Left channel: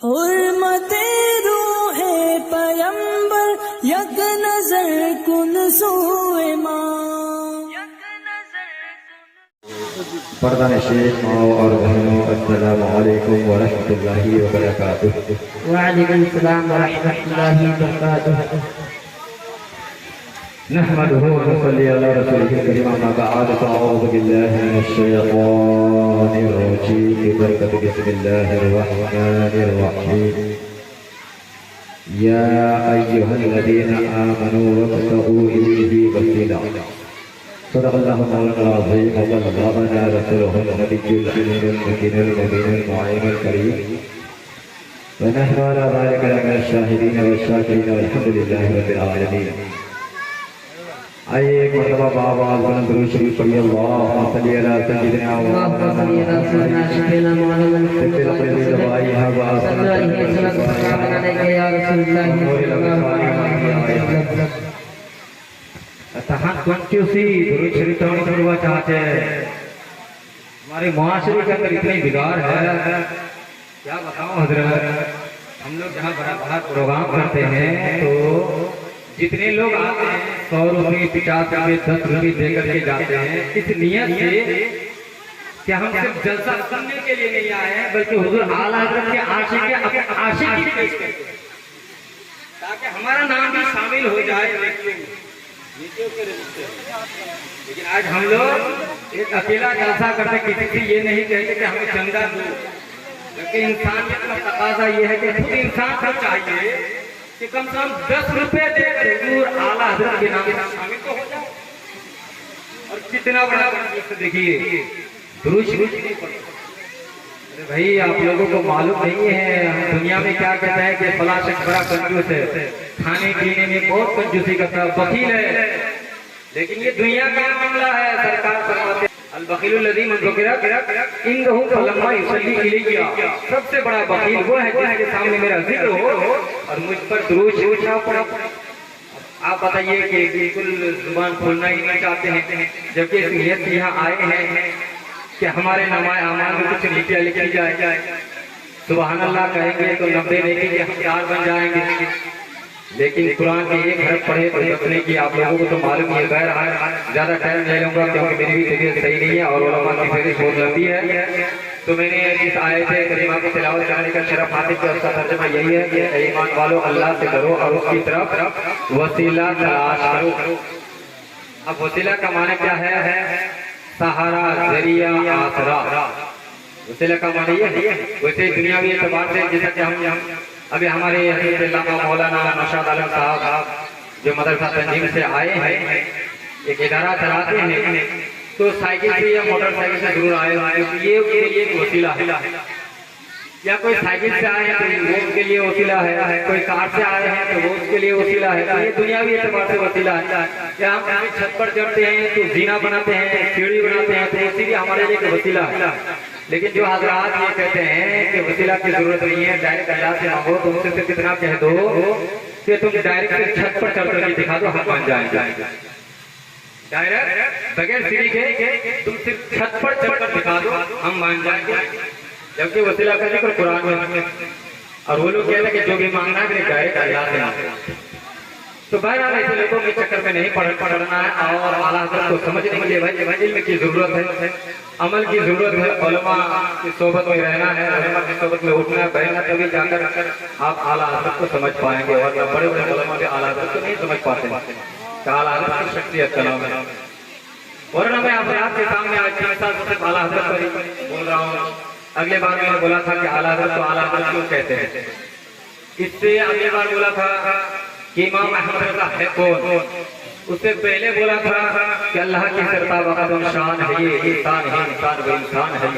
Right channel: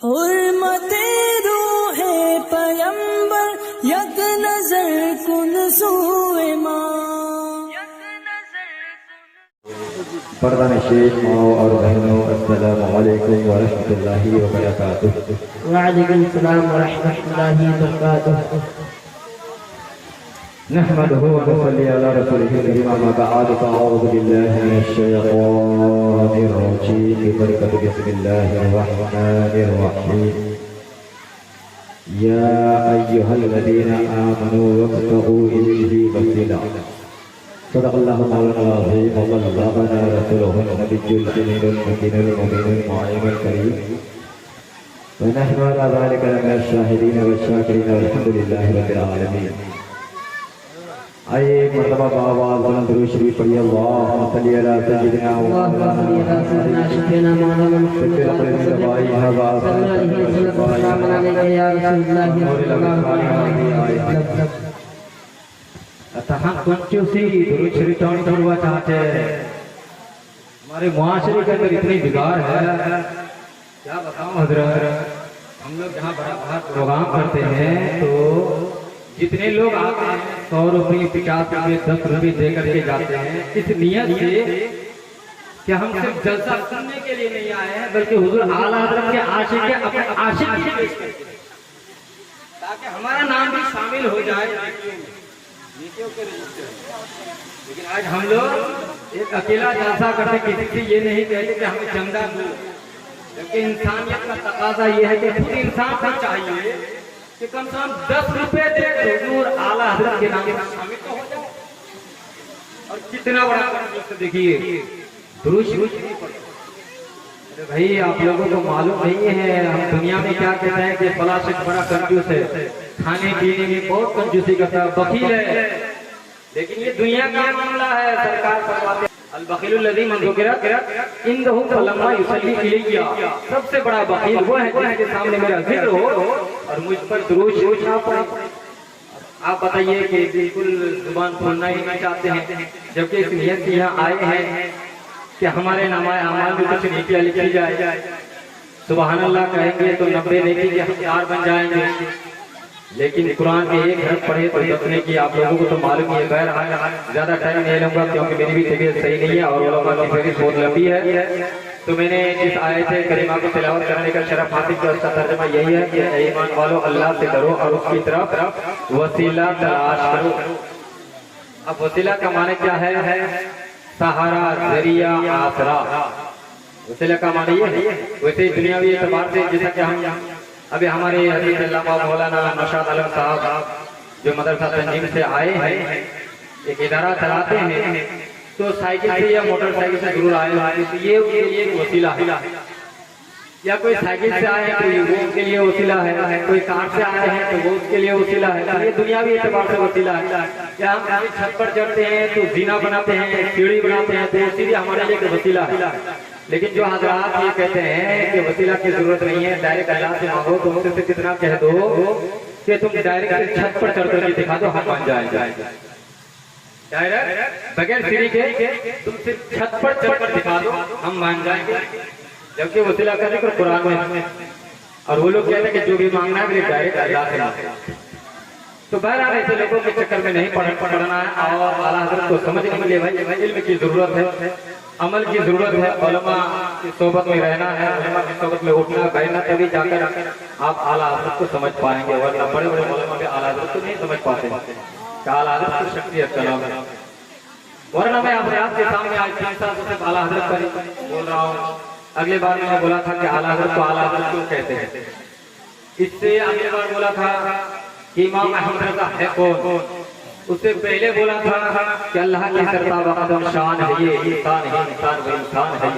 हुर्मते रूहे पयंबर यक नजर कुन सूए माँ। पर्दा नशीन माओ और बहनों, अस्सलामु अलैकुम व रहमतुल्लाहि व बरकातुहू। वालेकुम सलाम व रहमतुल्लाहि व बरकातुहू। नहमदुहु व नसल्ली अला रसूलिहिल करीम, अम्मा बअद, फ़अऊज़ु बिल्लाहि मिनश शैतानिर रजीम। बरकत बिस्मिल्लाहिर रहमानिर रहीम। या अय्युहल्लज़ीना आमनू वब्तगू इलैहि वसीला। सदक़ल्लाहु मौलाना अज़ीम व बल्लगना रसूलुहुल नबिय्युल अमीनुल मुकीनुल मुबीनुल मुअय्यिनुल करीम। व नहनु अला ज़ालिका लमिनश शाहिदीन व शाकिरीन वल्हम्दुलिल्लाहि रब्बिल आलमीन। आइए एक मरतबा बावाज़ बुलंद दुरूद शरीफ पढ़िए। अल्लाहुम्मा सल्ली अला सय्यिदिना व चाहते हमारे मुआशरे के अंदर इतनी बिगाड़ है, क्या बताऊं हजरत। हम लोग जहाँ बड़ा प्रोग्राम करते हैं तो जितने लोग आते हैं 100 रुपये 50 रुपये 10 रुपये दे करके जाते हैं, इस नियत से कि हम सिर्फ जलसा करने के लिए नहीं आए हैं, बल्कि हुजूर आला हज़रत के आशिक के अपने आशिक की पेश करते हैं, ताकि हमारा नाम भी शामिल हो जाए नीतियों के रजिस्टर। लेकिन आज हम लोग एक अकेला जलसा करते, किसी से ये नहीं कहते कि हमें चंदा दो, जबकि इंसानियत का तकाजा ये है कि खुद इंसान को चाहिए कि कम से कम 10 रुपए दे हुजूर आला हज़रत के नाम से शामिल तो हो जाए। और कितना बड़ा कंजूस, देखिए दुरूद शरीफ नहीं पढ़ते। अरे भाई, आप लोगों को मालूम नहीं है हम दुनिया में क्या कहते हैं कि फला शख्स बड़ा कंजूस है, खाने पीने में बहुत कंजूसी करता है, बखील है। लेकिन ये दुनिया का मामला है। सरकार फरमाते अल बखीलुल लज़ी मन ज़ुकिरा इंदहु फलम्मा युसल्ली इलैया। सबसे बड़ा बखील वो है जिसके सामने मेरा जिक्र हो और मुझ पर दुरूद शरीफ ना पढ़ा। आप बताइए कि बिल्कुल जुबान खोलना ही नहीं चाहते हैं, जबकि इस नियत से यहाँ आए हैं कि हमारे नामाए अमाल में कुछ नीतियाँ लिखी जाए। सुबहान अल्लाह कहेंगे तो 90 नेकी के हकदार बन जाएंगे। लेकिन कुरान के एक हरफ पढ़े तो बचने की आप लोगों को तो मालूम ही है। बहर ज्यादा टाइम नहीं लूंगा क्योंकि मेरी भी तबीयत सही नहीं है और उलमा की फहरिस्त बहुत लंबी है। तो मैंने इस आयत करीमा की तिलावत करने का शरफ हासिल किया। उसका तर्जुमा यही है कि ईमान वालों, अल्लाह से डरो और उसकी तरफ वसीला तलाश करो। अब वसीला का माने क्या है? सहारा, जरिया, आसरा। वसीला का माने ये है। वैसे दुनियावी एतबार से जैसा कि हम अभी हमारे मौलाना नौशाद आलम साहब जो मदरसा तंजीम से आए हैं, एक इदारा चलाते हैं, तो साइकिल से या मोटरसाइकिल से जरूर आए हैं। तो ये उनके लिए एक वसीला है। या कोई साइकिल से आए हैं तो वो उनके लिए वसीला है, कोई कार से आए हैं तो वो उसके लिए वसीला है। तो ये दुनियावी एतबार से वसीला है। या हम छत पर चढ़ते हैं तो जीना बनाते हैं, सीढ़ी बनाते हैं, तो इसीलिए हमारे लिए एक वसीला है। लेकिन जो हजरात ये कहते हैं कि वसीला की जरूरत नहीं है, डायरेक्ट अल्लाह से मांगो, तो उनसे कितना कह दो कि तुम डायरेक्ट छत पर चढ़ करके दिखा दो, हम मान जाएंगे। डायरेक्ट बगैर सीढ़ी के तुम सिर्फ छत पर चढ़कर दिखा दो, हम मान जाएंगे। जबकि वसीला का जिक्र कुरान में, और वो लोग कहते हैं कि जो भी मांगना है डायरेक्ट अल्लाह से मांगो। तो बहरहाल ऐसे लोगों के चक्कर में नहीं पढ़ना है और आला हज़रत को समझने के लिए भाई इल्म की जरूरत है, अमल की जरूरत है, उलमा की सोबत में रहना है, उलमा की सोबत में उठना बैठना, तभी जाकर आप आला हज़रत को समझ पाएंगे। वरना बड़े बड़े उलमा भी आला हज़रत को नहीं समझ पाते। आला हज़रत की शख्सियत का नाम है। वरना मैं आपके सामने आज 3 साल से आला हज़रत पर बोल रहा हूँ। अगले बार मैंने बोला था कि आला हज़रत को आला हज़रत क्यों कहते हैं। इससे अगले बार बोला था कि इमाम अहमद रज़ा है कौन। उससे पहले बोला था कि अल्लाह की सरता वक़दम शान है, ये इंसान है, इंसान वो इंसान है।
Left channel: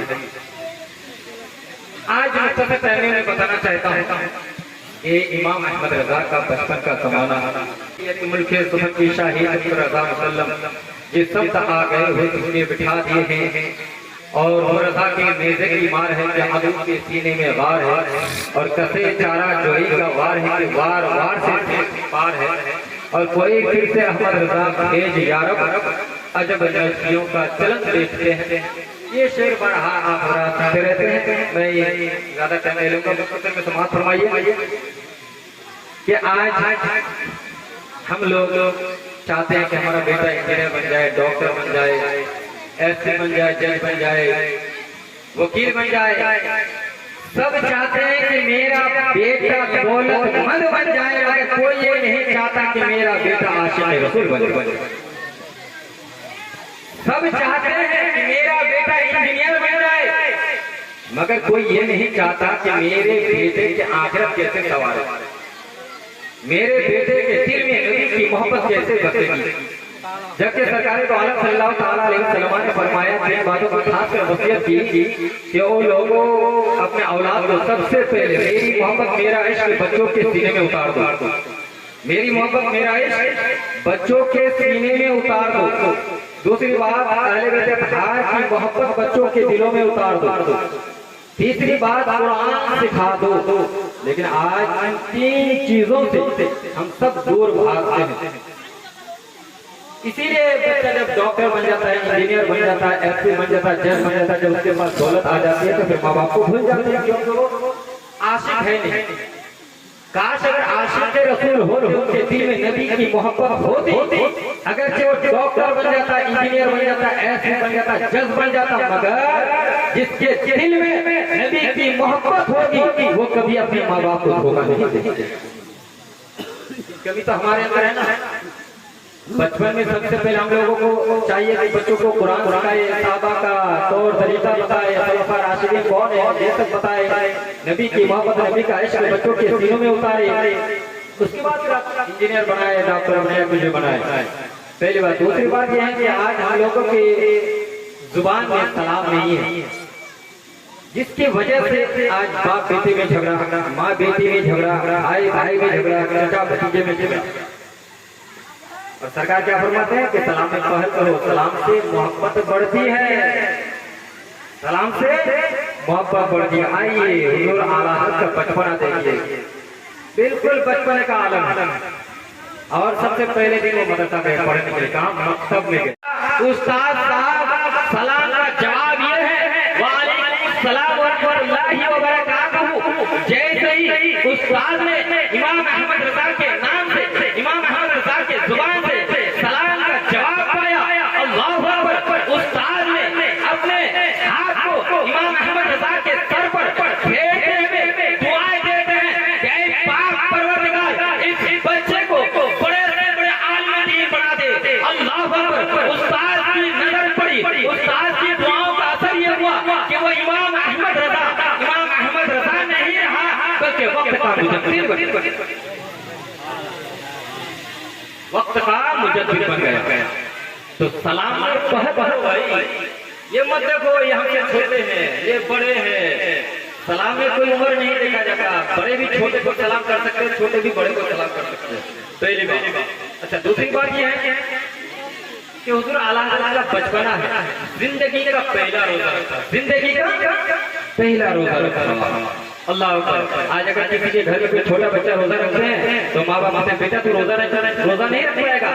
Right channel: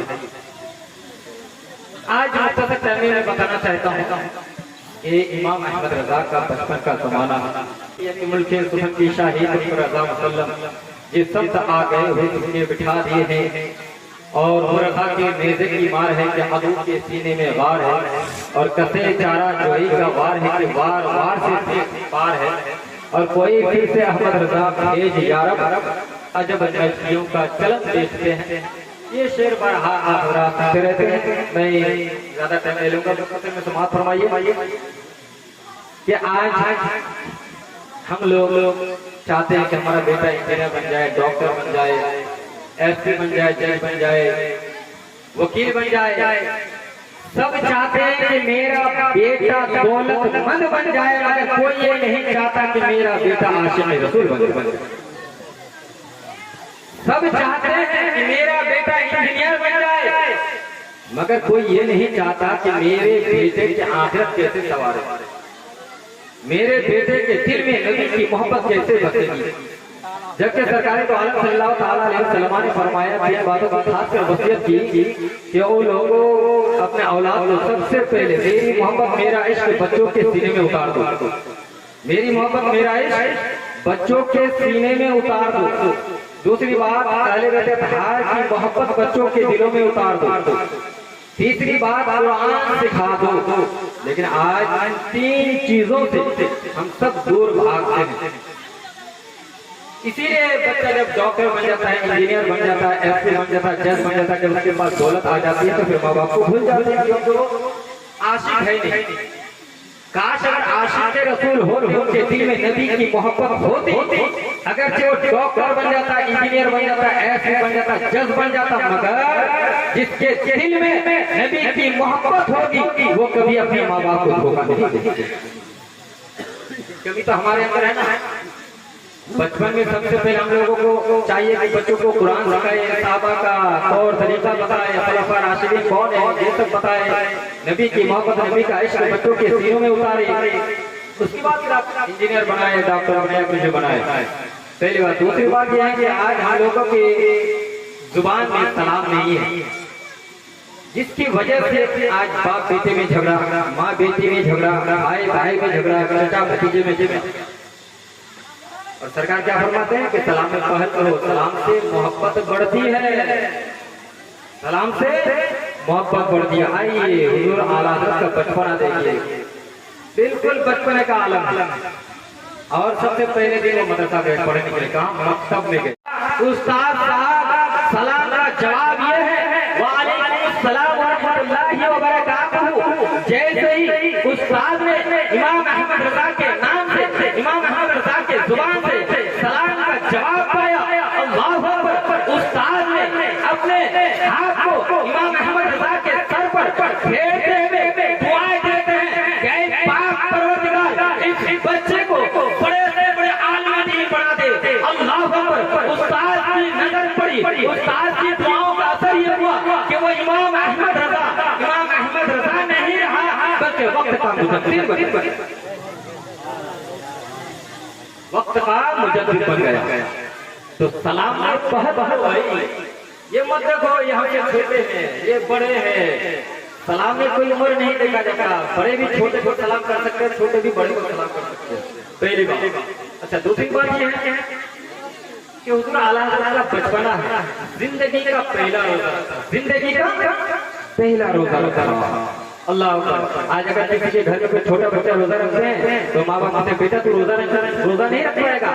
आज मुख्तसर टाइम में बताना चाहता हूँ कि इमाम अहमद रज़ा का बचपन का ज़माना है। मुल्क सुफन की शाही रज़ा मुसल्लम जिस सब तक आ गए हुए उसने बिठा दिए हैं, और वो रज़ा की नेज़े की मार है कि अदू के सीने में वार है, और कसे चारा जोई का वार है कि वार वार से पार है। और कोई फिर से अहमद रज़ा भेज यारब, अजब नैशियों का चलन देखते हैं। ये शेर बड़ा आप सुनते रहते हैं, मैं ज्यादा टाइम ले लूंगा। में समाप्त फरमाइए कि आज हम लोग चाहते हैं कि हमारा बेटा इंजीनियर बन जाए, डॉक्टर बन जाए, एसपी बन जाए, जज बन जाए, वकील बन जाए। सब चाहते हैं कि मेरा बेटा दौलतमंद बन जाए, मगर कोई ये नहीं चाहता कि मेरा बेटा आशिक़ रसूल बने। सब चाहते हैं कि मेरा बेटा इंजीनियर बन जाए, मगर कोई ये नहीं चाहता कि मेरे बेटे की आखिरत कैसे सवार है, मेरे बेटे के दिल में नबी की मोहब्बत कैसे बसेगी। जबकि सरकार तो आलम सल्लल्लाहु ताला अलैहि वसल्लम ने फरमाया कि बातों को खासकर वसीयत की कि वो लोगों अपने औलाद को सबसे पहले मेरी मोहब्बत मेरा इश्क बच्चों के सीने में उतार दो, मेरी मोहब्बत मेरा इश्क बच्चों के सीने में उतार दो। दूसरी बात, अहले बैत अत्हार की मोहब्बत बच्चों के दिलों में उतार दो। तीसरी बात, कुरान सिखा दो। लेकिन आज इन तीन चीजों से हम सब दूर भागते हैं। इसीलिए बच्चा जब डॉक्टर बन जाता है, इंजीनियर बन जाता है, एसपी बन जाता है, जज बन जाता है, जब उसके पास दौलत आ जाती है तो फिर माँ बाप को भूल जाते हैं क्योंकि वो आशिक है नहीं। काश अगर आशिक रसूल हो के दिल में नबी की मोहब्बत होती, अगर से वो डॉक्टर बन जाता, इंजीनियर बन जाता, एसपी बन जाता, जज बन जाता, मगर जिसके दिल में नबी की मोहब्बत होगी वो कभी अपने माँ बाप को धोखा नहीं देते। कभी तो हमारे अंदर है ना, बचपन में सबसे पहले हम लोगों को चाहिए कि बच्चों को कुरान सिखाए, साहबा का तौर तरीका बताए, खलीफा राशिदीन कौन है ये सब बताए, नबी की मोहब्बत नबी का इश्क बच्चों के सीनों में उतारे। उसके बाद फिर आप इंजीनियर बनाए, डॉक्टर बनाए, कुछ बनाए। पहली बात। दूसरी बात यह है कि आज हम लोगों की जुबान में सलाम नहीं है, जिसकी वजह से आज बाप बेटे में झगड़ा, माँ बेटी में झगड़ा, भाई भाई में झगड़ा, चाचा भतीजे में झगड़ा। और सरकार क्या फरमाते हैं कि सलाम में पहल करो, सलाम से मोहब्बत बढ़ती है, सलाम से मोहब्बत बढ़ती है। आइए हुजूर आला हज़रत का बचपना देखिए, बिल्कुल बचपने का आलम है। और सबसे पहले दिन वो मदरसा गए पढ़ने के लिए, कहा मकतब में गए। उस्ताद साहब सलाम का जवाब ये है वालेकुम सलाम व रहमतुल्लाहि व बरकातहू। जैसे ही उस्ताद ने इमाम अहमद रजा के नाम से, इमाम अहमद रजा के जुबान से सलाम का जवाब पाया, अल्लाहु अकबर, उस्ताद ने अपने हाथ को इमाम अहमद रजा के सर पर फेरते हुए दुआएं देते हैं कि ऐ पाक परवरदिगार इस बच्चे को बड़े से बड़े आलिम दीन बना दे। अल्लाहु अकबर। उस्ताद की नजर पड़ी, उस्ताद की दुआओं का असर ये हुआ कि वो इमाम अहमद रजा नहीं रहा बल्कि वक्त का मुजद्दिद बन गया। तो सलाम में बहुत भाई, ये मत देखो ये हमसे छोटे हैं, ये बड़े हैं। सलाम में कोई उम्र नहीं देखा जाता, बड़े भी छोटे को सलाम कर सकते हैं, छोटे भी बड़े को सलाम कर सकते हैं। पहली बात। अच्छा, दूसरी बात ये है कि हुजूर आला हज़रत का बचपना है, जिंदगी का पहला रोजा रखा, जिंदगी का पहला रोजा रखा। अल्लाह अकबर। आज अगर किसी के घर में कोई छोटा बच्चा रोजा रखते हैं तो माँ बाप से बेटा तू रोजा नहीं रख पाएगा,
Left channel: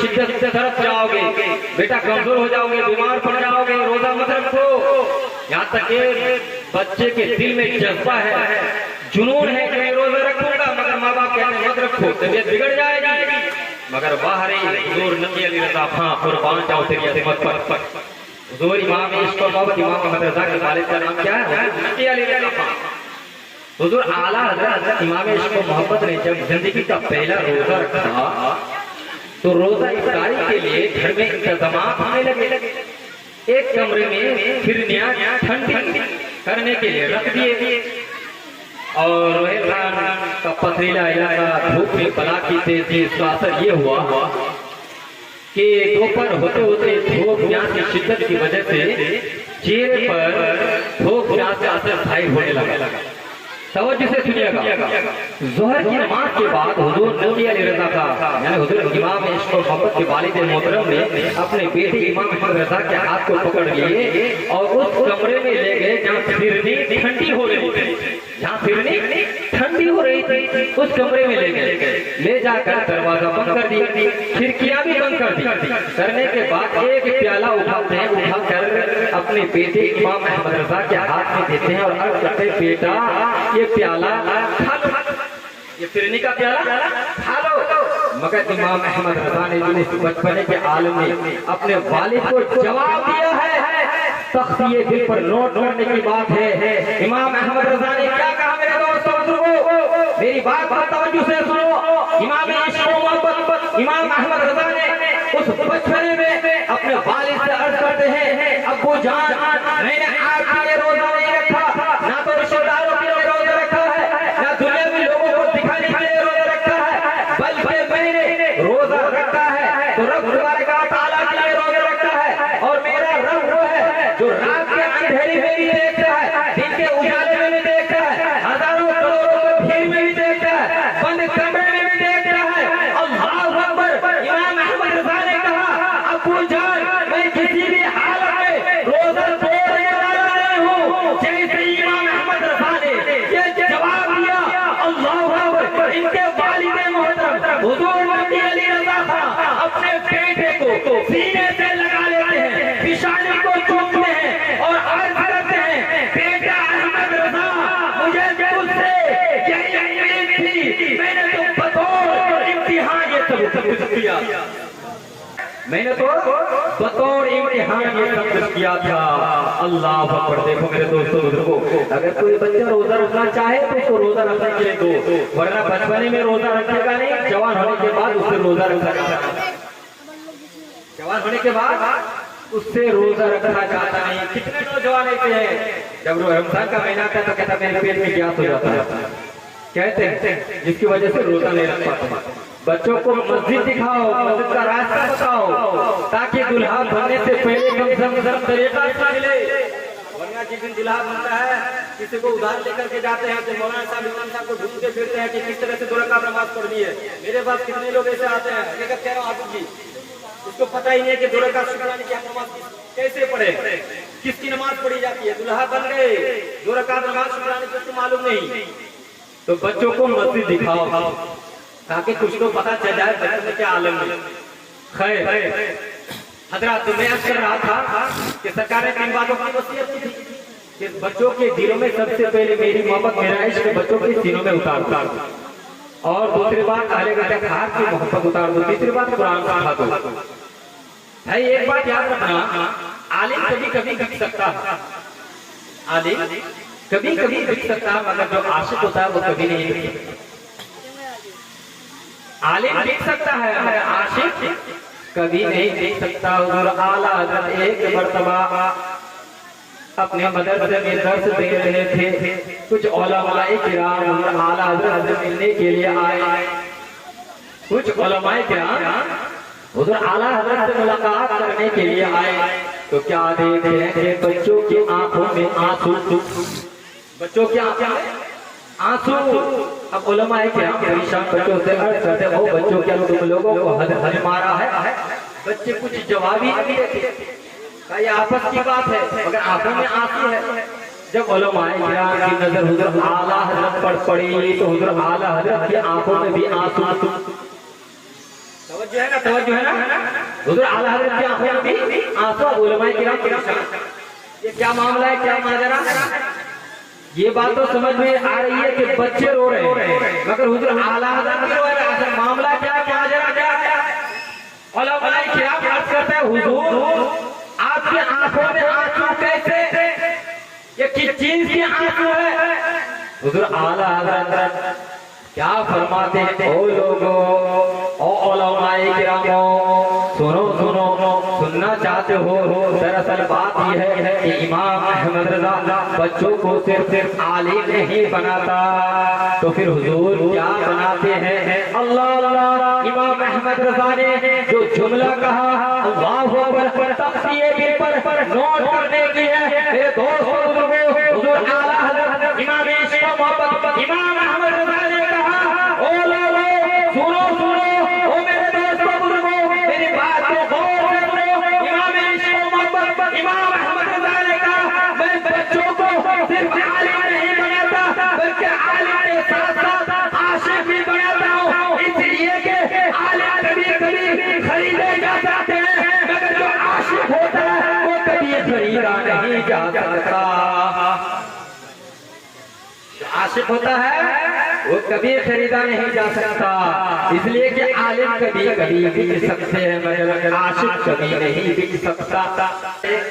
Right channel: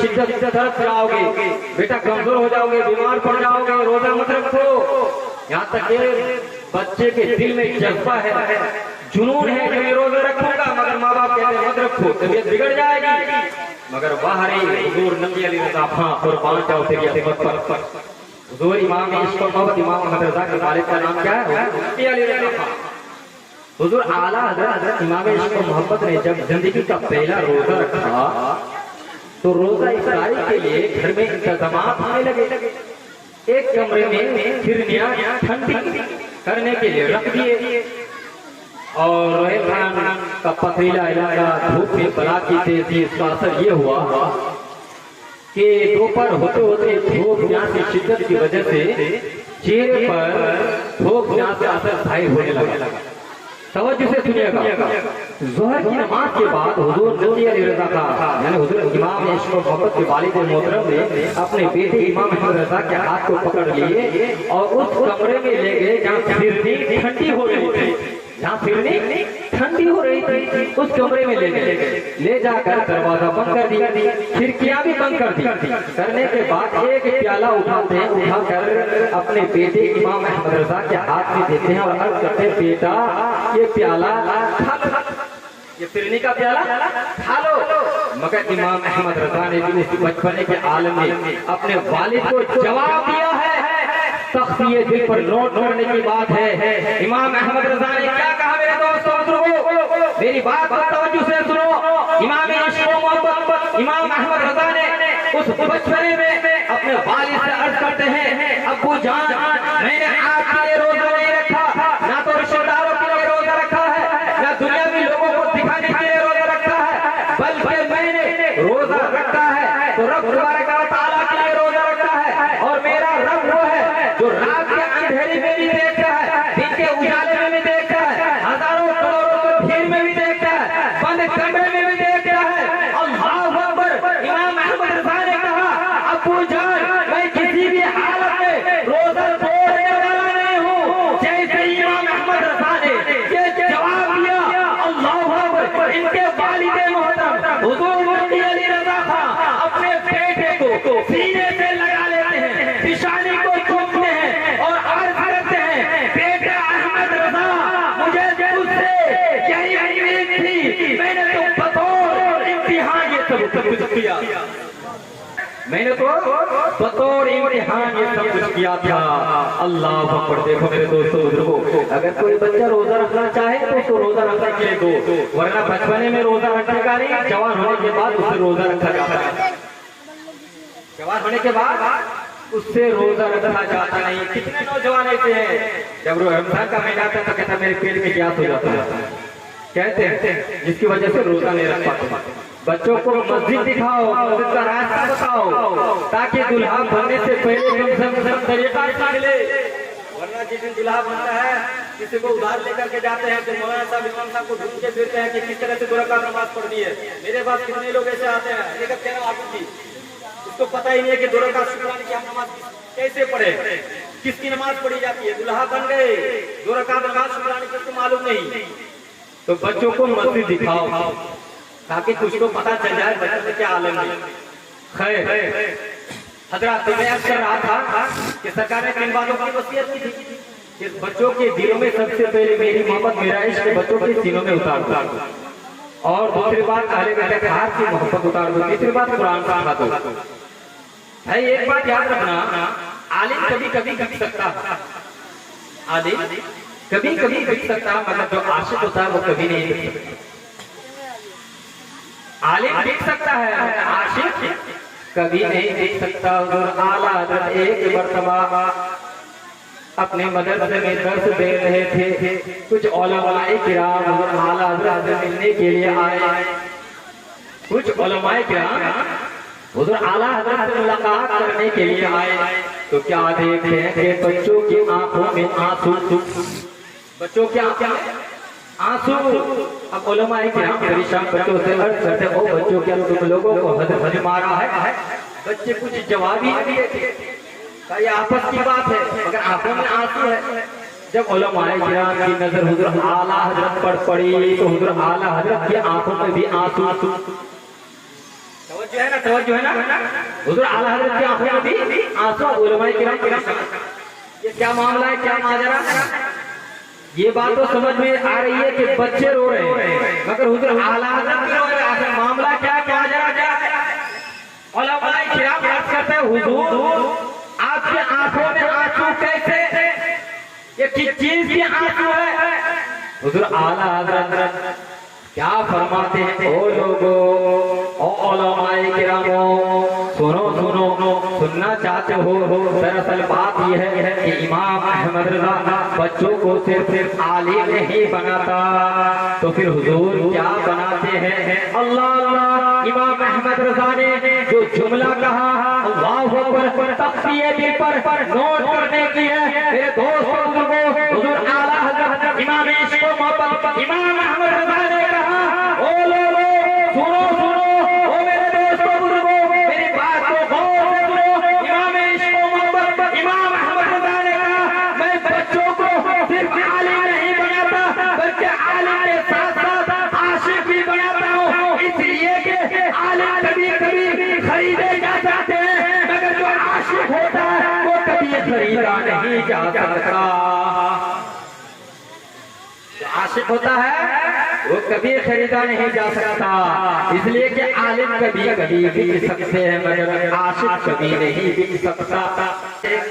शिद्दत से तरफ जाओगे, बेटा कमजोर हो जाओगे, बीमार पड़ जाओगे, रोजा मत रखो। यहाँ तक के बच्चे के दिल में जज्बा है, जुनून है कि मैं रोजा रखूंगा, मगर माँ बाप कहते हैं मत रखो, तबीयत बिगड़ जाएगी। मगर बाहर ही हुजूर नबी अली रज़ा खां कुर्बान जाओ तेरी अज़मत पर। हुजूर इमाम इश्क और मोहब्बत इमाम अहमद रज़ा के वालिद का नाम क्या है? नबी अली रज़ा खां। हुजूर आला हज़रत इमाम इश्क और मोहब्बत ने जब जिंदगी का पहला रोजा रखा तो रोजा इफ्तारी के लिए घर में इंतजामात होने लगे। एक कमरे में फिरनियां ठंडी करने के लिए रख दिए और रोहितान का पथरीला इलाका, धूप में बला की तेजी, इसका असर ये हुआ कि दोपहर होते होते धूप प्यास की शिद्दत की वजह से चेहरे पर धूप प्यास का असर स्थायी होने लगा। तवज्जो से सुनिएगा, ज़ोहर की नमाज के बाद हुजूर नबी अली रज़ा का यानी हुजूर इमाम इश्क और मोहब्बत के वालिद मोहतरम ने अपने बेटे इमाम अहमद रज़ा के हाथ को पकड़ लिए और उस कमरे में ले गए जहाँ फिरनी ठंडी हो रही थी, जहाँ फिरनी ठंडी हो रही थी। उस कमरे में ले गए, ले जाकर दरवाजा बंद कर दी, खिड़कियां भी बंद कर दी। करने के बाद एक प्याला उठाते हैं, उठाकर अपने बेटे इमाम अहमद रजा के हाथ में देते हैं और अर्ज करते हैं, बेटा ये प्याला खा लो, ये फिरनी का प्याला खा लो। मगर इमाम अहमद रजा ने भी इस बचपने के आलम में अपने वालिद को जवाब दिया है। सख्त ये दिल पर नोट करने की बात है। इमाम अहमद रजा ने क्या कहा मेरे दोस्तों, सुनो मेरी बात पर तवज्जो से सुनो। इमाम इमाम अहमद रजा ने उस बचपने में अपने वालिद से अर्ज करते हैं, अब्बू जान मैंने आपके लिए रोजा नहीं रखा, ना तो रिश्तेदारों के लिए रोजा रखा है, ना दुनियावी लोगों को दिखाने के लिए रोजा रखा है, बल्कि मैंने रोजा रखा है तो रब तआला के लिए रोजा रखा है। और मेरा रब वो है जो रात के अंधेरे में भी देख रहा है, दिन के उजाले में भी देख रहा है, हजारों करोड़ों भीड़ में भी देख रहा है, बंद कमरे में भी देख रहा है। अल्लाहू अकबर। इमाम अहमद रजा ने कहा, अब्बू जान मैं किसी भी हालत में रोजा तोड़ने वाला नहीं हूँ। जैसे इमाम अहमद रजा ने ये जवाब दिया, अल्लाहू अकबर, इनके वालिद मोहतरम हुजूर मुफ्ती अली रजा था अपने बेटे को सीने से लगा लेते हैं, पिशानी को चूमते हैं और अर्ज करते हैं, बेटा अहमद रजा मुझे तुझसे यही उम्मीद थी, मैंने तो बतौर इम्तिहान ये सब कुछ किया, मैंने तो बतौर इम्तिहान ये सब कुछ किया था। अल्लाह अकबर। देखो मेरे दोस्तों बुजुर्गों, अगर कोई बच्चा रोजा रखना चाहे तो उसको रोजा रखने के लिए दो, वरना बचपने में रोजा रखेगा नहीं, जवान होने के बाद उससे रोजा रखा जाता है, जवान होने के बाद उससे रोजा रखना चाहता नहीं। कितने नौजवान ऐसे हैं, जब रमजान का महीना आता है तो कहता मेरे पेट में गैस हो जाता है, कहते हैं, जिसकी वजह से रोजा नहीं रख पाते। बच्चों को मस्जिद दिखाओ, मस्जिद का रास्ता बताओ, ताकि दुल्हा बनने से पहले कम से कम तरीका मिले। वरना जिस दिन दुल्हा बनता है किसी को उधार लेकर के जाते हैं तो मौलाना साहब इमाम साहब को ढूंढ के फिरते हैं कि किस तरह से 2 रकात नमाज पढ़नी है। मेरे पास कितने लोग ऐसे आते हैं, लेकर कह रहा हूँ आबू जी, उसको पता ही नहीं है कि 2 रकात शुक्राने की हम नमाज कैसे पढ़े, किसकी नमाज पढ़ी जाती है। दुल्हा बन गए, 2 रकात नमाज शुक्राने की उसको मालूम नहीं। तो बच्चों को मस्जिद दिखाओ ताकि कुछ तो पता चल जाए बच्चे के आलम में। खैर हजरत, मैं अर्ज कर रहा था कि सरकार ने 3 बातों की वसीयत की थी कि बच्चों के दिलों में सबसे पहले मेरी मोहब्बत, मेरा इश्क बच्चों के सीनों में उतार दो, और दूसरी बात अहले बैत की मोहब्बत उतार दो, तीसरी बात कुरान का पढ़ा दो। भाई एक बात याद रखना, आलिम कभी कभी बिक सकता है, आलिम कभी कभी बिक सकता है, मगर जो आशिक होता है वो कभी नहीं बिक सकता। आलिम बिक सकता है, आशिक कभी नहीं बिक सकता। आला हज़रत एक मर्तबा अपने मदरसे में दर्स दे रहे थे, कुछ उलमाए किराम आला हज़रत से मिलने के लिए आए। कुछ उलमाए किराम उधर आला हज़रत से मुलाकात करने के लिए आए तो क्या देख रहे थे, बच्चों की आंखों में आंसू, बच्चों की आंखों में आंसू। अब उलमाए किराम परेशान बच्चों से अर्ज करते, ओ बच्चों क्या तुम लोगों को हद मारा है? बच्चे कुछ जवाब ही नहीं देते, ये आपस की बात है, मगर आंखों में आंसू है। जब उलमाए किराम की नजर हुजूर आला हज़रत पर पड़ी तो हुजूर आला हज़रत की आंखों में भी आंसू। तवज्जो है ना, तवज्जो है ना, हुजूर आला हज़रत की आंखों में भी आंसू। उलमाए किराम ये क्या मामला है, क्या माजरा है? ये बात तो समझ में आ रही है कि बच्चे रो रहे हैं, मगर हुजूर आला हज़रत की आखिर मामला क्या है, माजरा क्या है? उलमाए किराम बात करते हैं, हुजूर आपकी आंखों में आंसू कैसे, ये किस चीज की आंसू है? हुजूर आला हज़रत क्या फरमाते हैं, ओ लोगों, ओ उलमाए किरामो, सुनो सुनो, सुनना चाहते हो? दरअसल बात यह है कि इमाम अहमद रजा बच्चों को सिर्फ आलिम नहीं बनाता, तो फिर हुजूर क्या बनाते हैं? अल्लाह अल्लाह। इमाम अहमद रजा ने जो जुमला कहा, अल्लाहू अकबर, तख्तिए दिल पर नोट करने की है मेरे दोस्तों बुजुर्गों। हुजूर आला हज़रत इमाम इश्क व मोहब्बत इमाम अहमद रजा ने कहा, ओ लोगों सुनो सुनो, ओ मेरे दोस्तों बुजुर्गों, मेरी बात को गौर से सुनो। इमाम इश्क व मोहब्बत इमाम अहमद रजा ने कहा, मैं बच्चों को सिर्फ आलिम नहीं बनाता, बल्कि आलिम के साथ साथ जो आशिक होता है वो कभी खरीदा नहीं जा सकता, इसलिए कि आलिम कभी कभी बिक सकते हैं मगर आशिक कभी नहीं बिक सकता।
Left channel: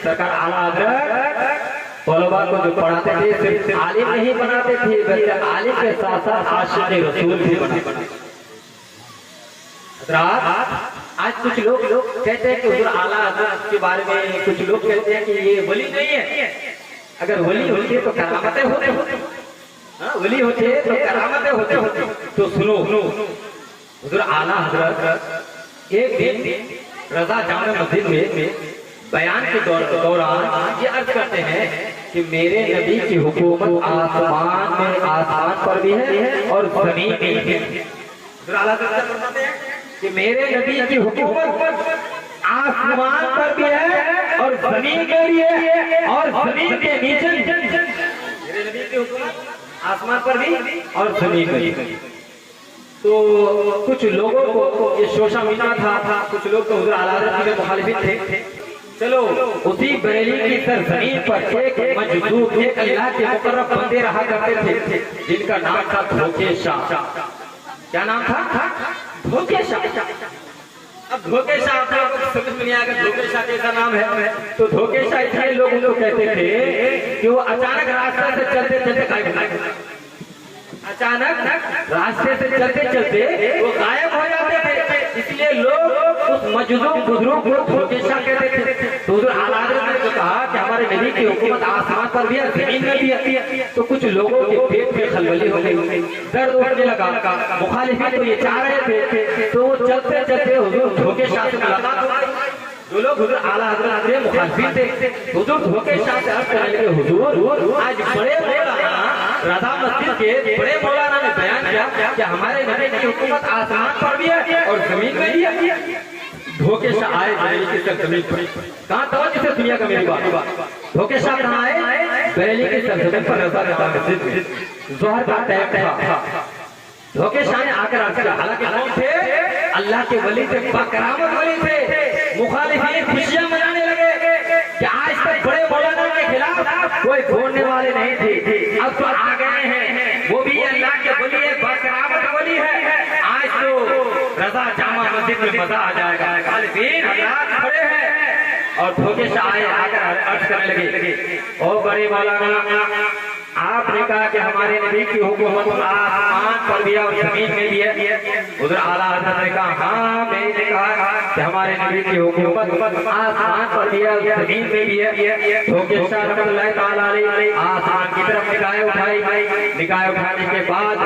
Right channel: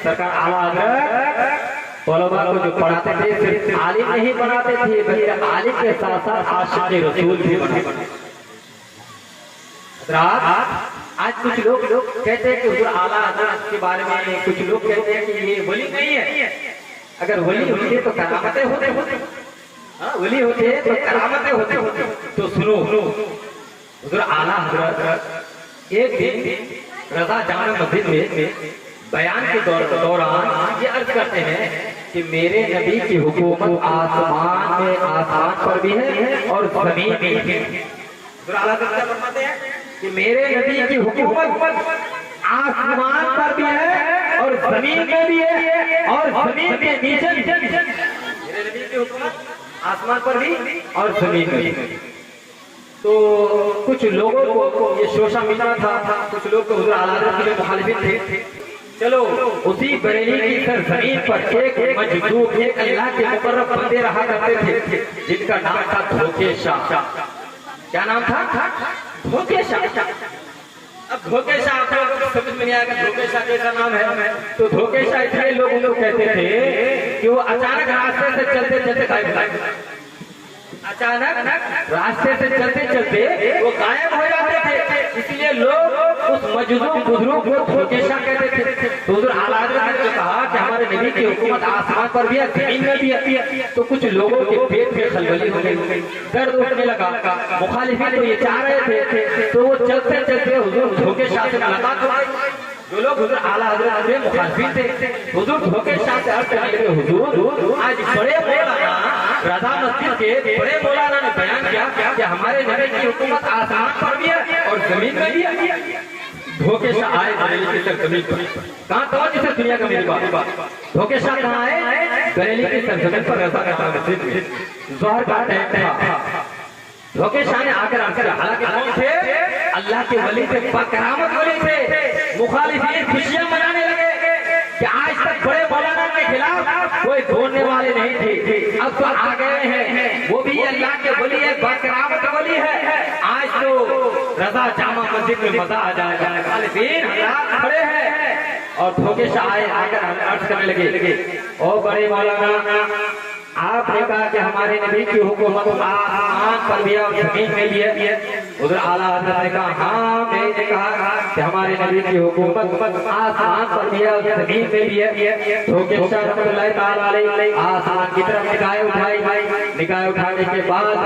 सरकार आला हज़रत तलबा को जो पढ़ाते थे सिर्फ आलिम नहीं बनाते थे बल्कि आलिम के साथ साथ आशिक रसूल भी बनाते। आज कुछ लोग कहते हैं कि हुजूर आला हज़रत के बारे में कुछ लोग कहते हैं कि ये वली नहीं है। अगर वली होते तो करामतें होते, हाँ वली होते तो करामतें होते। तो सुनो, हुजूर आला हज़रत एक दिन रज़ा जामा मस्जिद में बयान के दौरान ये अर्ज करते हैं कि मेरे नबी की हुकूमत आसमान पर भी है और ज़मीन में भी है। हुजूर आला हज़रत फरमाते हैं कि मेरे नबी की हुकूमत आसमान पर भी है और जमीन में भी है और जमीन के नीचे भी। मेरे नबी की हुकूमत आसमान पर भी और जमीन में भी। तो कुछ लोगों को ये शोषा मिला था, कुछ लोग तो हुजूर आला हज़रत के मुखालिफिन थे। चलो उसी बरेली की सरजमीन पर एक मजदूर एक अल्लाह के मुकर्रम बंदे रहा करते थे जिनका नाम था धोखे शाह। क्या नाम था? धोखे शाह। अब धोखे शाह समझ में नहीं आएगा धोखे शाह जैसा नाम है। तो धोखे शाह इसलिए लोग कहते थे कि वो अचानक रास्ते से चलते रास्ते से चलते वो गायब हो जाते थे, इसलिए लोग उस मजदूर बुजुर्ग को धोखे शाह कहते थे। तो हुजूर आला हज़रत ने कहा कि हमारे नबी की हुकूमत आसमान पर भी है जमीन में भी है। तो कुछ लोगों के पेट में खलबली हो गई, दर्द उठने लगा। मुखालिफिन तो ये चाह रहे थे तो वो चलते चलते हुजूर धोखे शाह से मुलाकात हो गई। जो लोग हुजूर आला हज़रत के मुखालिफिन थे हुजूर धोखे शाह से अर्ज करने लगे, हुजूर आज बड़े रज़ा मस्जिद के बड़े मौलाना ने बयान किया कि हमारे नबी की हुकूमत आसमान पर भी है और जमीन में भी है। धोखे शाह आए बरेली की सरजमीन पर। कहाँ तवज्जो से सुनिएगा मेरी बात। धोखे शाह कहाँ आए? बरेली की सरजमीन पर रज़ा जामा मस्जिद में ज़ोहर का टाइम था। धोखे शाह ने आकर अर्ज किया, हालांकि कौन थे? अल्लाह के वली थे, बाकरामत वली थे। मुखालिफिन खुशियां मनाने लगे कि आज तक बड़े मौलाना के खिलाफ कोई बोलने वाले नहीं थे, अब तो आ गए हैं, वो भी अल्लाह के वली है, बाकरामत वली है। आज तो रज़ा जामा मस्जिद में मजा आ जाएगा। मुखालिफिन हज़रात खड़े हैं और धोखे शाह आकर अर्ज करने लगे, ओ बड़े मौलाना आपने कहा कि हमारे नबी की हुकूमत आसमान पर भी है और जमीन में भी है। उधर आला हज़रत ने कहा हाँ मैंने कहा कि हमारे नबी की हुकूमत आसमान पर भी है और जमीन में भी है। धोखे शाह रहमतुल्लाह तआला अलैह आसमान की तरफ निगाहें उठाई। निगाहें उठाने के बाद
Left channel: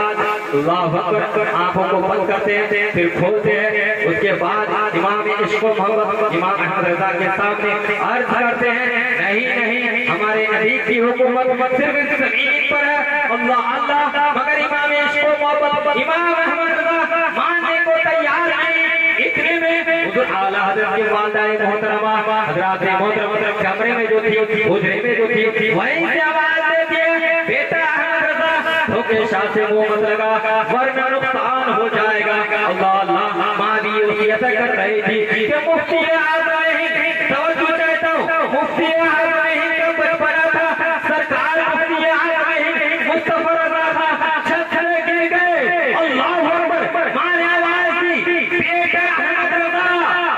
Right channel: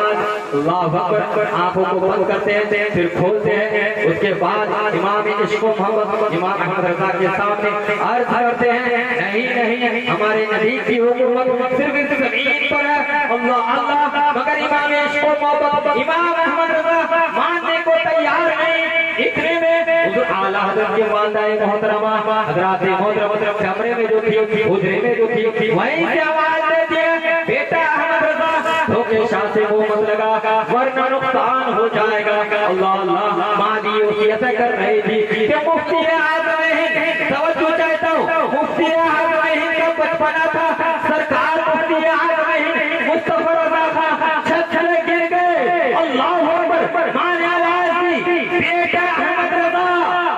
अल्लाहु अकबर आंखों को बंद करते हैं फिर खोलते हैं। उसके बाद इमाम इश्क़ व मोहब्बत इमाम अहमद रज़ा के सामने अर्ज करते हैं नहीं हमारे नबी की हुकूमत सिर्फ जमीन पर है। अल्लाह अल्लाह मगर इमाम इश्क़ व मोहब्बत इमाम अहमद रज़ा मानने को तैयार नहीं। इतने में हुजूर आला हज़रत के वालिदाए मोहतरमा हज़रात मोहतरम कमरे में जो थी हुजरे में जो थी वहीं से आवाज देती है, बेटा अहमद रज़ा धोखे शाह से मुंह मत लगा वरना नुकसान हो जाएगा। अल्लाह अल्लाह माँ भी वसीयत कर रही थी कि मुफ्ती आ रहे हैं। तवज्जो चाहता हूँ, मुफ्ती आ रहे हैं जब बचपना था सरकार मुफ्ती आ रहे हैं मुस्तफा रज़ा था छतरे गिर गए। अल्लाहु अकबर माँ ने आवाज दी, बेटा अहमद रज़ा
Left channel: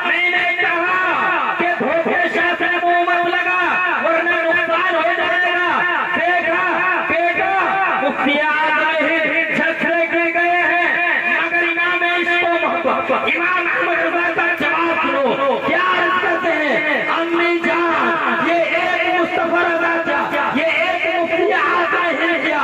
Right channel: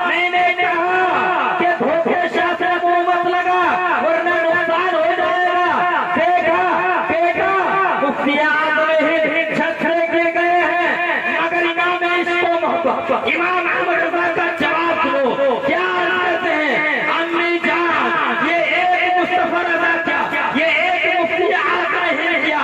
मैंने कहा कि धोखे शाह से मुंह मत लगा वरना नुकसान हो जाएगा। देखा बेटा मुफ्ती आ रहे हैं छतरे गिर गए हैं मगर इमाम इश्क़ व मोहब्बत इमाम अहमद रज़ा का जवाब सुनो। क्या अर्ज करते हैं? अम्मी जान ये एक मुस्तफा रज़ा था, ये एक मुफ्ती आ रहे हैं।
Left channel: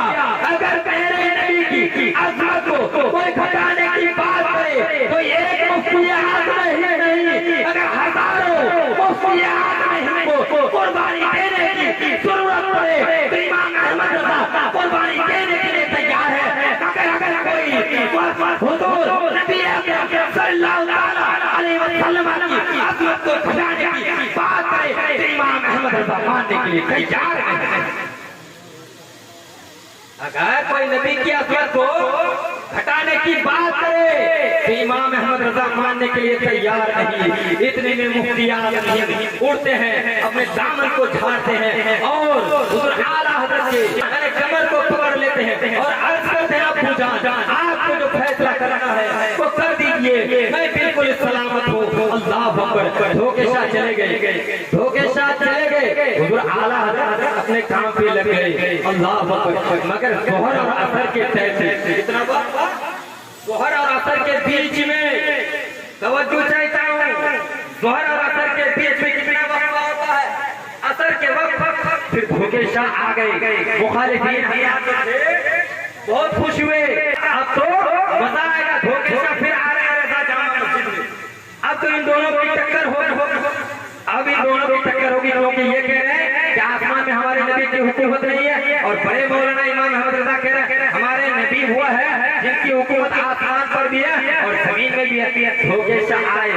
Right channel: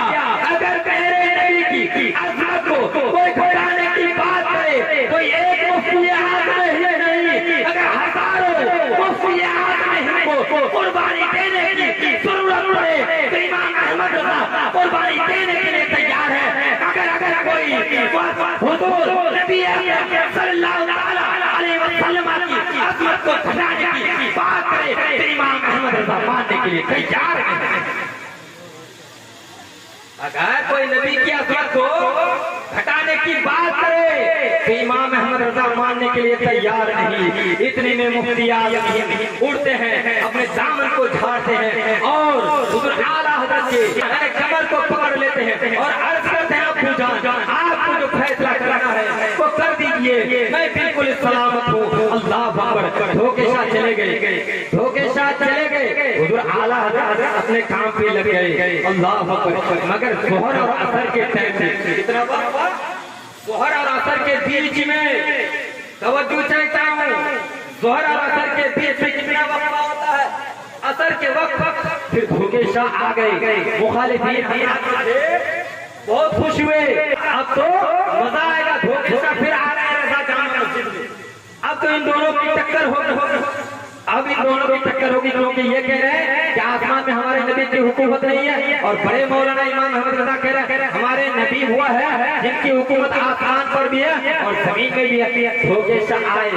अगर तेरे नबी की अज़मत को कोई घटाने की बात करे तो एक मुफ्ती आ रहे नहीं, अगर हजारों मुफ्ती आ रहे को कुर्बानी देने की जरूरत पड़े तो इमाम अहमद रज़ा कुर्बानी देने के लिए तैयार है। अगर कोई हुजूर नबी सल्लल्लाहु अलैहि वसल्लम की अज़मत को घटाने की बात करे तो इमाम अहमद रज़ा मानने के लिए तैयार है। अगर कोई नबी की अज़मत को घटाने की बात करे तो इमाम अहमद रज़ा मानने के लिए तैयार नहीं। इतने में मुफ्ती उड़ते हैं, अपने दामन को झाड़ते हैं और हुजूर आला हज़रत के कमर को पकड़ लेते हैं हैं और अर्ज करते हैं अब्बू जान आपको जो फैसला करना है वो कर दीजिए, मैं बिल्कुल सलामत हूँ। अल्लाह अकबर। धोखेशाह चले गए, धोखेशाह चले गए, हुजूर आला हज़रत अपने काम पे लग गए। अल्लाह अकबर। मगर जोहर और असर के टाइम में कितना वक्त, जोहर और असर के बीच में तवज्जो चाहता हूँ, जोहर और असर के बीच में कितना वक्त होता है? असर के वक्त फिर धोखेशाह आ गए, मुखालिफीन बहुत खुश हुए, अब तो मजा आएगा, धोखेशाह फिर आ रहा है जामा मस्जिद में। अब तो इन दोनों की टक्कर होगी, अब इन दोनों की टक्कर होगी, क्योंकि ये कह रहे हैं कि आसमान में हमारे नबी की हुकूमत नहीं है, और बड़े मौलाना इमाम अहमद रजा कह रहे हैं हमारे नबी हुआ है जिनकी हुकूमत आसमान पर भी है और जमीन में भी है। धोखेशाह आए,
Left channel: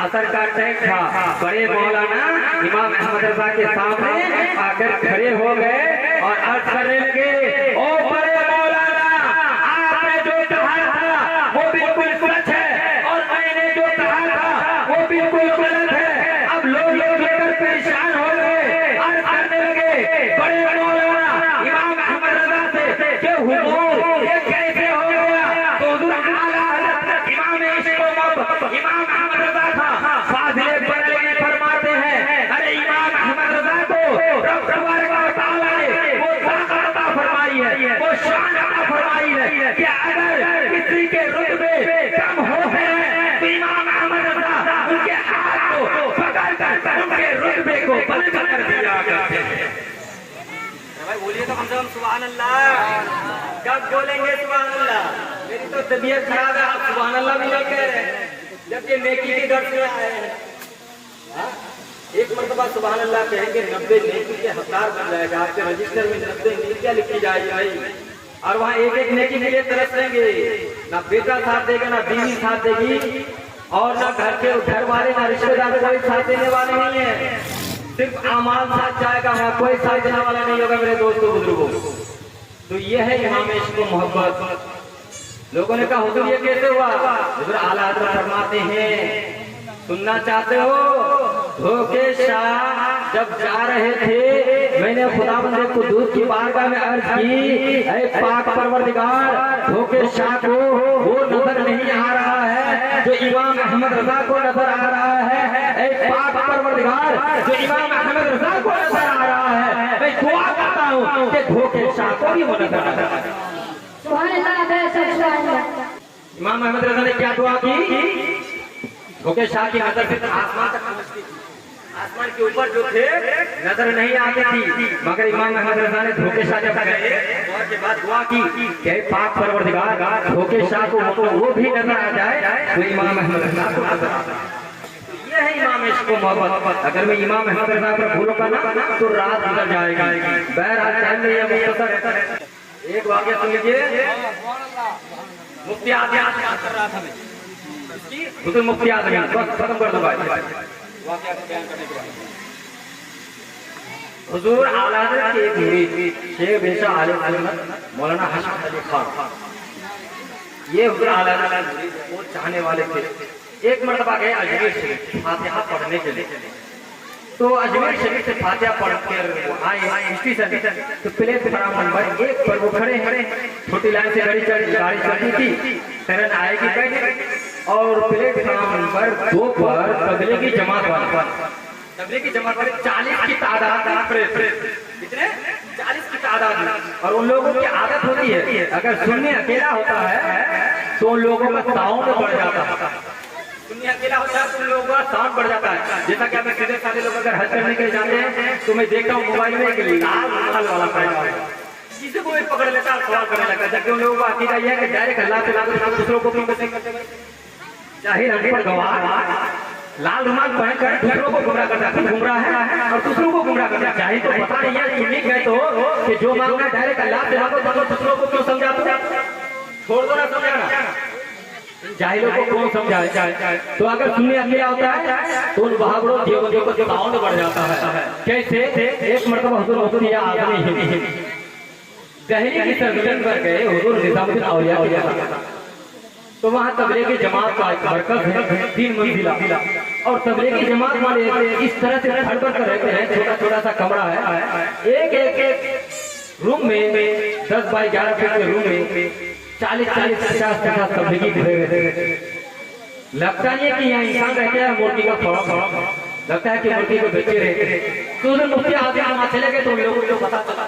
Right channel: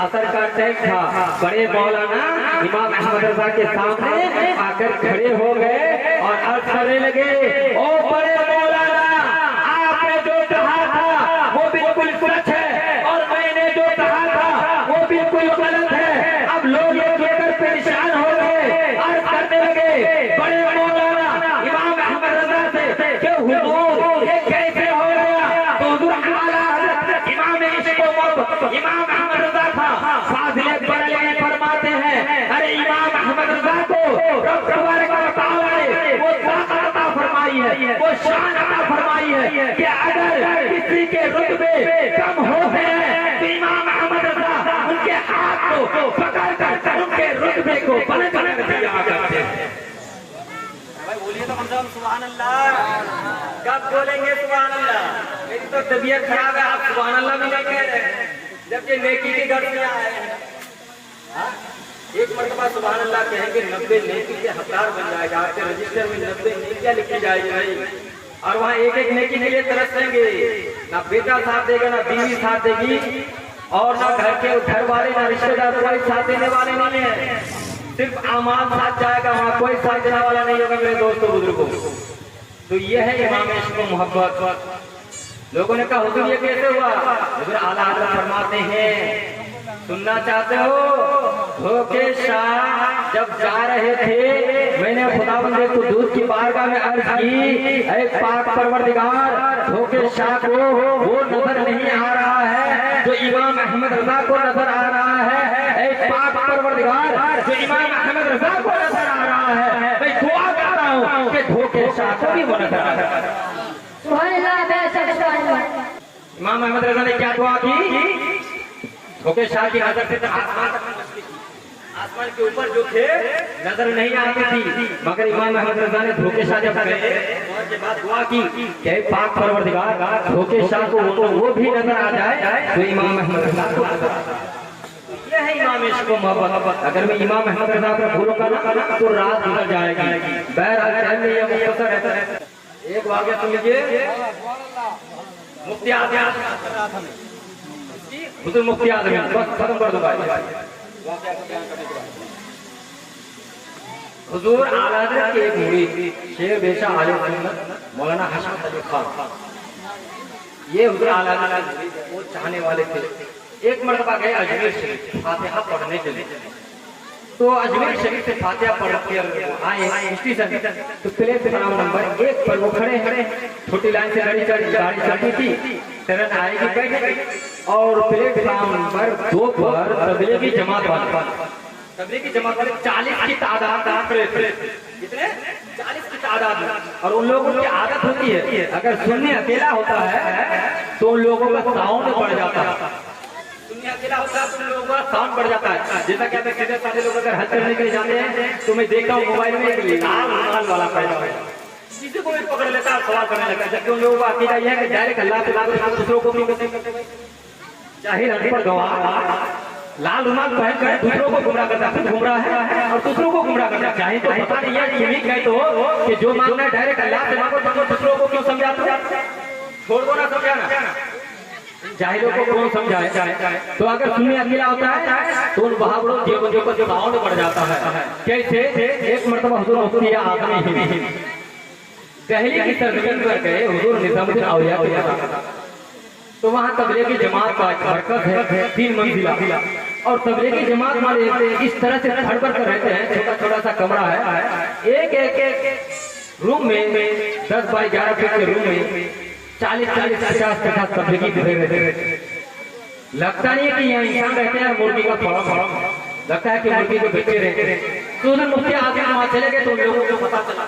असर का टाइम था, बड़े मौलाना इमाम अहमद रजा के सामने आकर खड़े हो गए और अर्ज करने लगे, ओ बड़े मौलाना, आपने जो कहा था वो बिल्कुल सच है और मैंने जो कहा था वो बिल्कुल गलत है। अब लोग ये देखकर परेशान हो गए, अर्ज करने लगे बड़े मौलाना इमाम अहमद रजा से कि हुजूर ये कैसे हो गया? तो हुजूर आला हज़रत इमाम ने इसको इमाम अहमद रजा था फाज़िले बरेलवी फरमाते हैं, अरे इमाम अहमद रजा को रब तबारक व तआला ने वो ताकत अता फरमाई है, वो शान अता फरमाई है कि अगर किसी के रुतबे कम हो गए तो इमाम अहमद रजा उनके हाथ को पकड़ कर उनके रुतबे को बुलंद कर दिया करते हैं। भाई बोलिए तो कम से कम सुभान अल्लाह। कब बोलेंगे सुभान अल्लाह? मेरी तो तबीयत खराब है, आप सुभान अल्लाह भी नहीं कह रहे जब से नेकी की गर्ज में आए हैं। एक मरतबा सुभान अल्लाह कहेंगे 90 नेकी के हकदार बन जाएगा, आपके रजिस्टर में 90 नेकियां लिखी जाएगी भाई, और वहाँ एक एक नेकी के लिए तरसेंगे। ना बेटा साथ देगा, ना बीवी साथ देगी, और ना घर वाले ना रिश्तेदार कोई साथ देने वाले नहीं है, सिर्फ आमान साथ जाएगा, वहाँ कोई साथ देने वाला नहीं होगा मेरे दोस्तों बुजुर्गों। तो ये है इमाम इश्क व मोहब्बत। लोगों ने कहा हुजूर ये कैसे हुआ? हुजूर आला हज़रत फरमाते हैं, सुनना चाहते हो? धोखेशाह जब जा रहे थे, मैंने खुदावंद कुद्दूस की बारगाह में अर्ज की, ऐ पाक परवरदिगार, धोखेशाह को वो नजर नहीं आ रहा है जो इमाम अहमद रजा को नजर आ रहा है। ऐ पाक परवरदिगार, जो इमाम अहमद रजा को नजर आ रहा है, मैं दुआ कर रहा हूँ कि धोखेशाह को भी वो नजर आ रहा है। इमाम अहमद रजा ने क्या दुआ की? धोखेशाह की नजर से आसमान तक पहुंचती थी, आसमान के ऊपर जो थे नजर नहीं आती थी, मगर इमाम अहमद रजा ने धोखेशाह जब गए और के बाद दुआ की कि पाक परवरदिगार, धोखेशाह को वो भी नजर आ जाए तो इमाम अहमद रजा को नजर आ जाए। ये है इमाम इश्क व मोहब्बत। अगर मैं इमाम अहमद रजा पर भूलूंगा ना तो रात गुजर जाएगी। बहरहाल एक वाक़या सुन लीजिए। मुफ्ती आज़म कर रहा था मैं, मुफ्ती आज़म खत्म कर दो भाई वाक़या को बयान करने के बाद। हुजूर आला हज़रत के एक मुरीद शेख बेशा आले मौलाना हसन अली खान, ये हुजूर आला हज़रत वो चाहने वाले थे। एक मरतबा गए अजमेर शरीफ फातिहा पढ़ने के लिए, तो अजमेर शरीफ से फातिहा पढ़ कर आए स्टेशन, तो प्लेटफार्म नंबर 1 पर वो खड़े हैं, छोटी लाइन से गाड़ी चलती थी, ट्रेन आएगी बैठे, और प्लेटफार्म नंबर 2 पर तबलीगी जमात वाले 40 की तादाद, कितने 40 की तादाद में, और उन लोगों की आदत होती है अगर सुनने अकेला होता है तो उन लोगों का साउंड बढ़ जाता है, सुनने अकेला होता है तो उन लोगों का साउंड बढ़ जाता है। जैसा कि हमें सीधे साधे लोग अगर हल करने के लिए जाते हैं तो मैं देखता हूँ मोबाइल में एक लाल रुमाल वाला पैदा है, किसी को भी पकड़ लेता है, सवाल करने लगता है, जबकि उन लोगों को अकीदा यह है कि डायरेक्ट अल्लाह से लाते दूसरों को जाहिर हम पर गवाह लाल रुमाल पहन कर दूसरों को गुमराह करता है, गुमराह है और दूसरों को गुमराह करता है। चाहे तो पता नहीं है उम्मीद गए तो कि जो मांगना है डायरेक्ट अल्लाह से मांगो, मगर दूसरों को क्यों समझाते? छोड़ दो ना समझाना, जाहिलों को कौन समझाए? तो अगर सुनने अकेला होता है तो उन बहादुरों देवताओं को साउंड बढ़ जाता है। कैसे? एक मरतबा हुजूर दहली की सरजमीन पर गए, हुजूर निजामुद्दीन औलिया के, तो वहाँ तबलीगी जमात का एक मरकज है 3 मंजिला, और तबलीगी जमात वाले इस तरह से फड़कर कर रहते हैं, छोटा छोटा सा कमरा है, एक रूम में 10 बाई 11 फीट के रूम में 40-40, 50-50 तबलीगी बिखरे हुए थे। लगता नहीं है कि यहाँ इंसान रहते हैं, मुर्गी का फार्म लगता है कि मुर्गी के बच्चे रहते हैं। तो उधर मुफ्ती आगे वहां चले गए तो उन लोगों को पता चला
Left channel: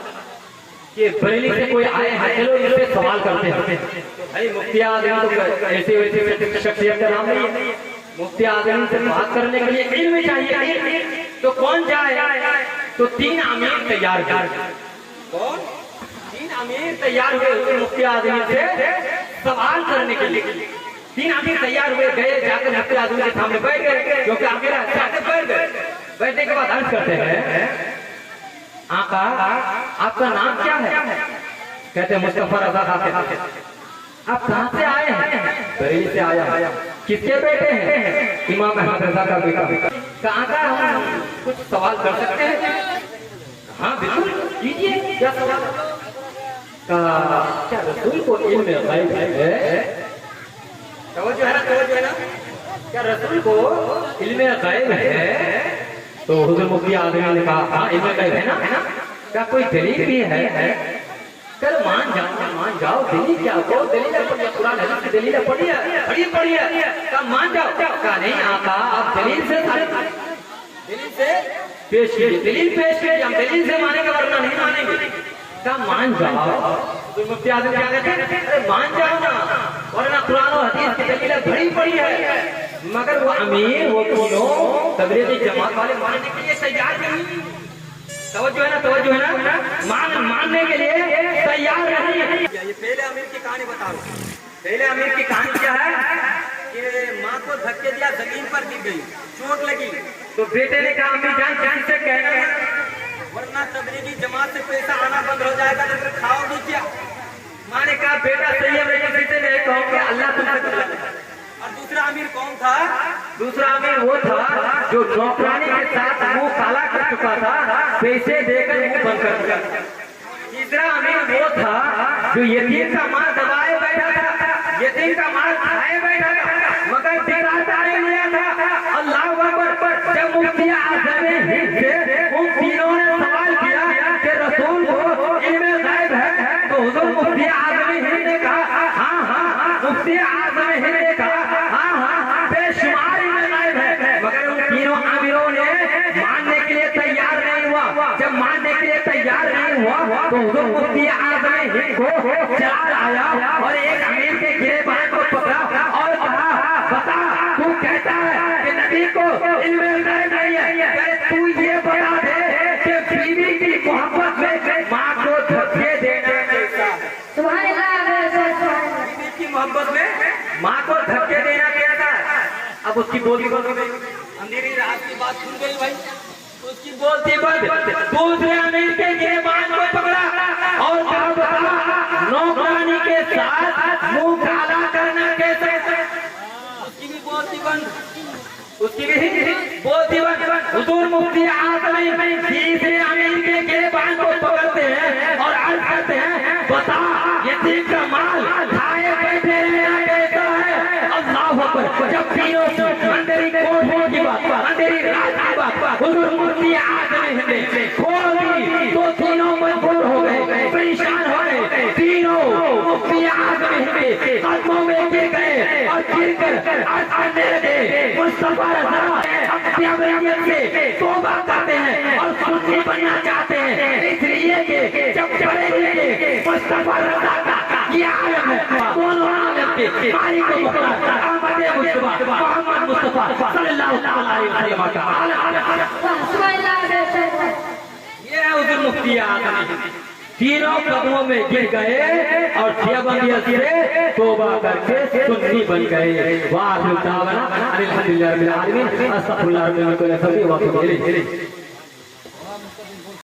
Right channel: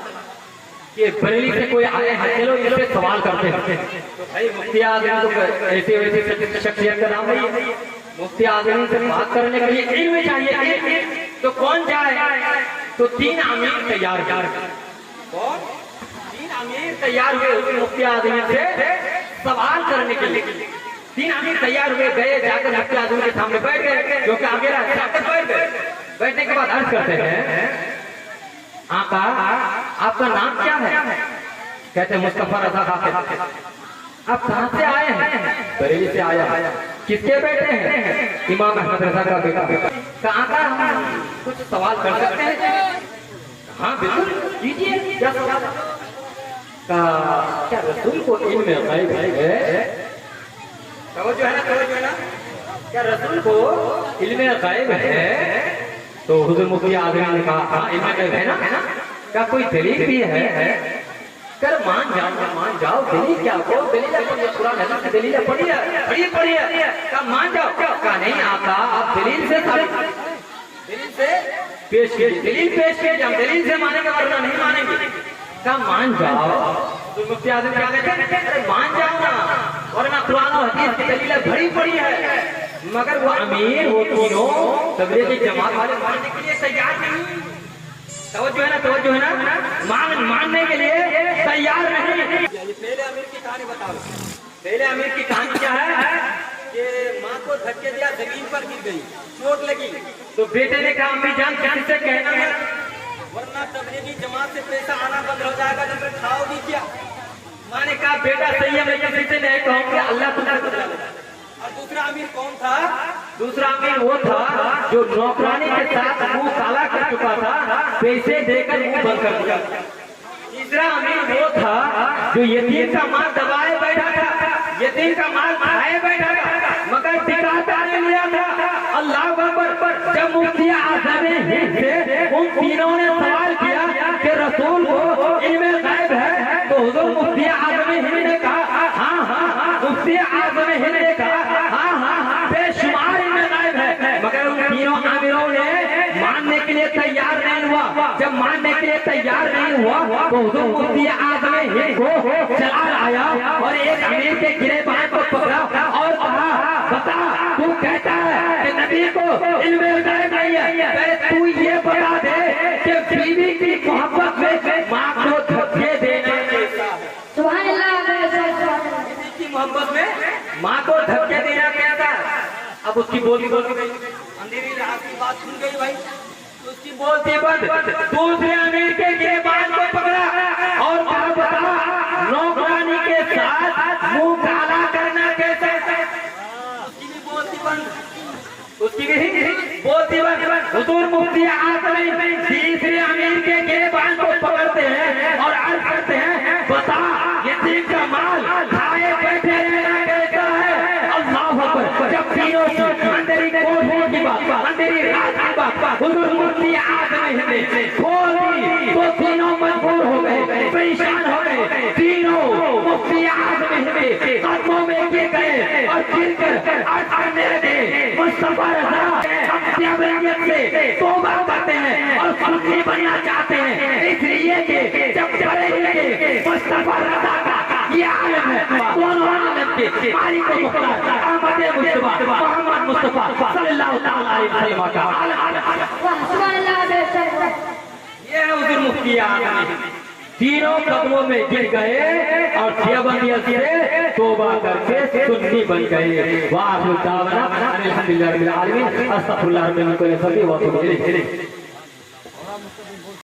कि बरेली से कोई आए हैं, चलो इनसे सवाल करते हैं। तो भाई मुफ्ती आदमी तो ऐसे वैसे शख्सियत का नाम नहीं है, मुफ्ती आदमी से बात करने के लिए इल्म चाहिए। तो कौन जाए? तो 3 अमीर तैयार कर। कौन? 3 अमीर तैयार हुए मुफ्ती आदमी से सवाल करने के लिए। 3 आदमी तैयार हुए, गए जाकर मुफ्ती आदमी के सामने बैठ गए, जो कि आगे बैठ गए। बैठने के बाद अर्ज करते हैं, आका आपका नाम क्या है? कहते मुस्तफा रजा खान। आप कहाँ से आए हैं? बरेली से आया। किसके बेटे हैं? इमाम अहमद रजा का बेटा। कहाँ का हम कुछ सवाल कर सकते हैं? हाँ बिल्कुल कीजिए, क्या सवाल? क्या रसूल को इल्म गैब है? तवज्जो है ना? क्या रसूल को इल्म गैब है? तो हुजूर मुफ्ती आज़म ने कहा हाँ इल्म गैब है ना? क्या कोई दलील भी है? कर मान जाओ दलील क्या? वो दलील है, कुरान हदीस की दलील है, पढ़िए। क्या मान जाओ? क्या नहीं आता? आप दलील से पेश कीजिए, हम दलील से मानेंगे वरना नहीं मानेंगे। क्या मान जाओ? तो मुफ्ती आज़म क्या कहते हैं? अरे मान जाओ ना, वरना कुरान और हदीस की दलील भरी पड़ी है। मगर वो अमीर, वो तीनों तबलीगी जमात वाले मानने के लिए तैयार नहीं। तवज्जो है ना? मानने के लिए तैयार नहीं। ये पहले अमीर की कहानी बता रहा हूँ। पहले अमीर की कहानी क्या है कि माँ को धक्के दिया, जमीन पर गिर गई, चोट लगी। तो बेटे ने कहा अम्मी जान किसी से कहना है, वरना तबलीगी जमात से पैसा आना बंद हो जाएगा, तो फिर खाओगी क्या? माँ ने कहा बेटा सही है, मैं किसी से नहीं कहूँगी, अल्लाह तुमसे। और दूसरा अमीर कौन था? दूसरा अमीर वो था जो नौकरानी के साथ मुंह काला कर चुका था, पैसे देकर मुंह बंद कर दिया। तीसरा अमीर वो था जो यतीम का माल दबाए बैठा था, यतीम का माल खाए बैठा था, मगर दिखाता नहीं लिया था। अल्लाह अकबर। जब मुफ्ती आज़म हिंद से उन तीनों ने सवाल किया कि रसूल को इल्म गैब है, तो हुजूर मुफ्ती आज़म हिंद ने कहा हाँ, मुफ्ती आज़म हिंद ने कहा हाँ, बेशुमार इल्म गैब है। मगर उन तीनों आमिरों ने मानने के लिए तैयार नहीं हुआ। जब मानने के लिए तैयार नहीं हुआ तो हुजूर मुफ्ती आज़म हिंद को चला लाया और एक अमीर के गिरेबान को पकड़ा और कहा बता, तू कहता है कि नबी को इल्म गैब नहीं है, तू ये बता दे कि बीवी की मोहब्बत में माँ को धक्के देना कैसा है? सुभान अल्लाह। बीवी की मोहब्बत में माँ को धक्के देना कैसा है? अब उसकी बोली अंधेरी रात की बात सुन गई भाई, उसकी बोलती बंद। दूसरे अमीर के गिरेबान को पकड़ा और कहा बता, नौकरानी के साथ मुंह काला करना कैसा? उसकी भी बोलती बंद। हुजूर मुफ्ती आज़म तीसरे अमीर के गिरेबान को पकड़ते हैं और अर्ज करते हैं बता, यतीम का माल खाए बैठे रहना कैसा है? अल्लाह अकबर। जब तीनों अंधेरी कोठरी की बात, अंधेरी रात की बात हुजूर मुफ्ती आज़म ने खोली तो तीनों मजबूर हो गए, परेशान हो गए। तीनों मुफ्ती आज़म ने कदमों में गिर गए और गिर कर अर्ज करने लगे मुस्तफा रज़ा से तौबा करते हैं और सुन्नी बनना चाहते हैं, इसलिए कि जब बरेली के मुस्तफा रज़ा का ये आलम है, दोनों आलम के मालिक को मुस्तफा अहमद मुस्तफा मोहम्मद मुस्तफा सल्लल्लाहु अलैहि वसल्लम का ये है हुजूर मुफ्ती आज़म। तीनों कदमों में गिर गए और देवबंदियत से तौबा करके सुन्नी बन गए। वाह अल्हम्दुलिल्लाह रब्बिल आलमीन, अस्तगफिरुल्लाह रब्बिल आलमीन।